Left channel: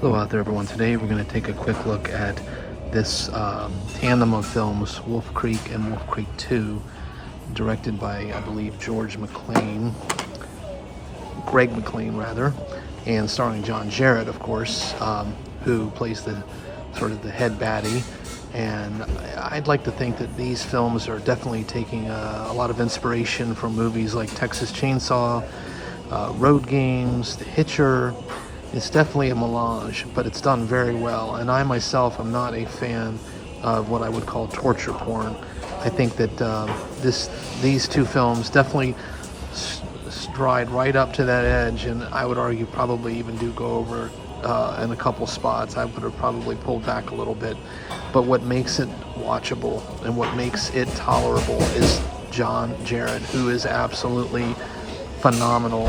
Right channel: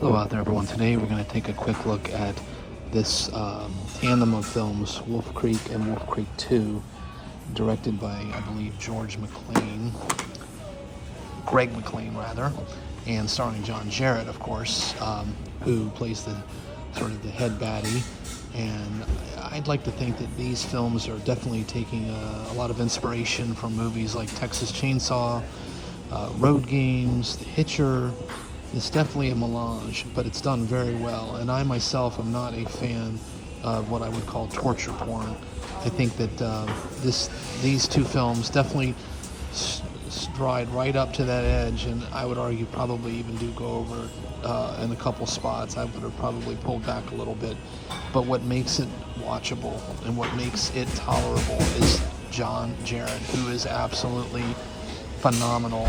Hello out there, everyone. Today we're going to take a quick look at this tandem of films, Wolf Creek and Wolf Creek 2, directed by, I believe, Greg McLean rather, and starring John Jarratt, of course, who plays the sort of the head baddie. And I'd like to think that these films are definitely taking a lot of inspiration from movies like Texas Chainsaw, Road Games, The Hitcher. It's definitely a melange, but it's done very well. And I myself am not a fan of what I would call torture porn. I think that these two films definitely stride right up to that edge, and I would argue probably even do go over in a couple spots. I would have probably pulled back a little bit. But what makes it watchable and what makes it tolerable is John Jarratt, who is absolutely phenomenal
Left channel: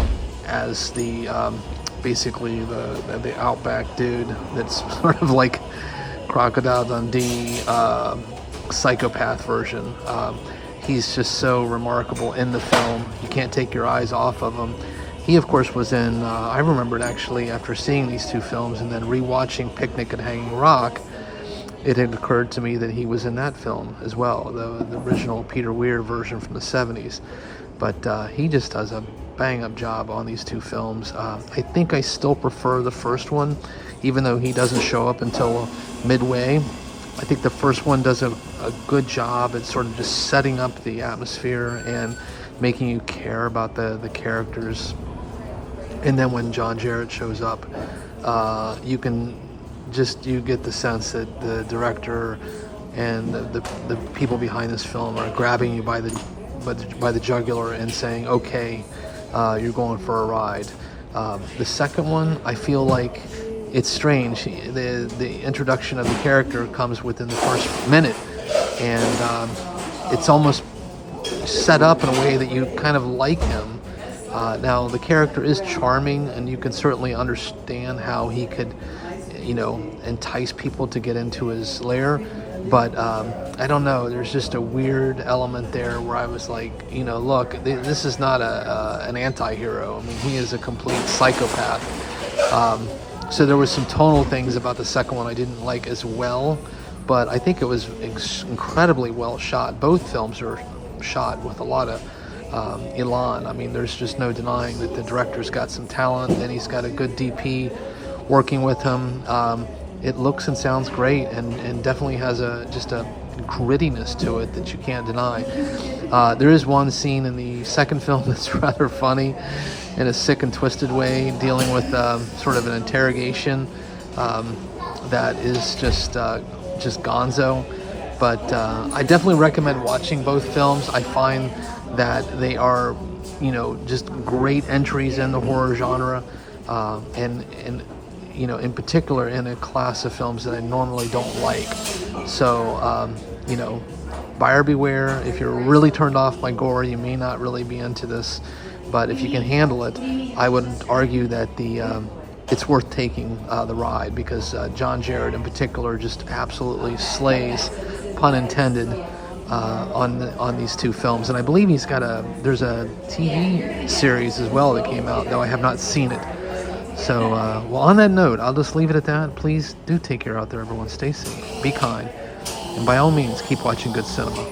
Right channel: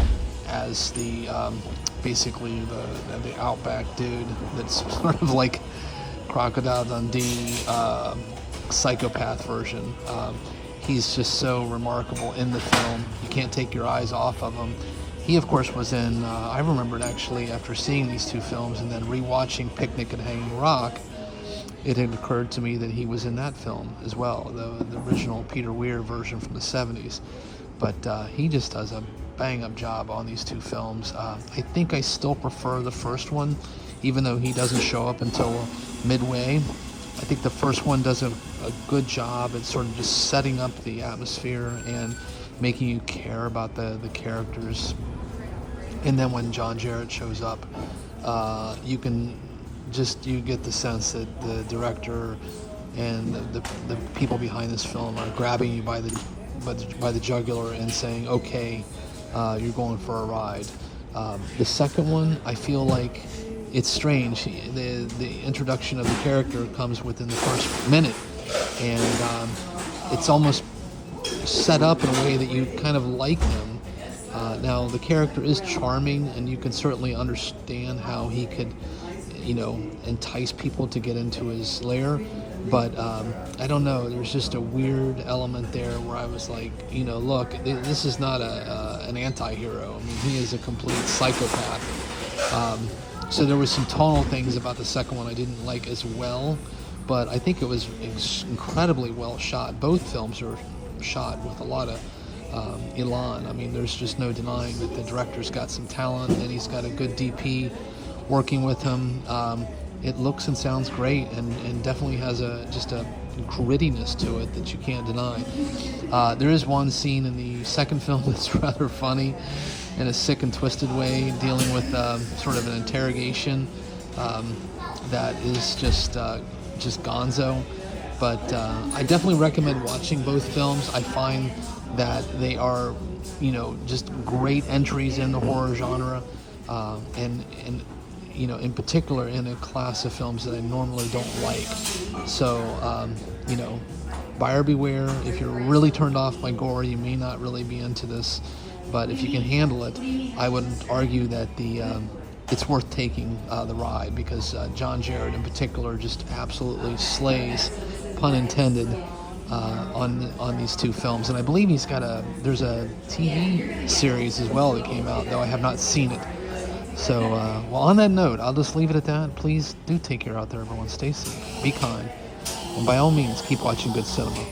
as the basically the outback dude that's sort of like Crocodile Dundee psychopath version. He's just so remarkable in the film. You can't take your eyes off of him. He, of course, was in, I remembered actually after seeing these two films and then rewatching Picnic at Hanging Rock, it had occurred to me that he was in that film as well, the original Peter Weir version from the 70s. But he just does a bang-up job on these two films. I think I still prefer the first one, even though he doesn't show up until midway. I think the first one does a good job at sort of just setting up the atmosphere and making you care about the characters. And then when John Jarratt shows up, you get the sense that the director and the people behind this film are grabbing you by the jugular and saying, okay, you're going for a ride. The second one, I feel like it's strange. The introduction of the character comes within the first minute, and it's almost set up in a way that you kind of like him. Now, the character is charming, and you can certainly understand how he could, entice people to get into his lair. But I don't know, there's just a weird element there where I was like, look, this is not an anti-hero. I mean, he is a complete psychopath. So there were some tonal things about the second one I didn't like as well, but I think it was incredibly well shot. Both films are shot with a lot of elan. I mean, there's just no denying that the director's got some talent and he's got a good DP working with him. It looks and sounds great, and definitely has just a grittiness to it that you can't deny. There is one scene in the second film that's rather funny in a sick and twisted way, dealing with sort of an interrogation that is just gonzo. But I definitely recommend watching both films. I find that they are, just great entries in the horror genre, and in particular in a class of films that I normally don't like. So, buyer beware. If you're really turned off by gore, you may not really be into this. But if you can handle it, I would argue that it's worth taking the ride, because John Jarratt in particular just absolutely slays, pun intended, on these two films. And I believe there's a TV series as well that came out, though I have not seen it. So, well, on that note, I'll just leave it at that. Please do take care out there, everyone. Stay safe, be kind, and by all means, keep watching good cinema.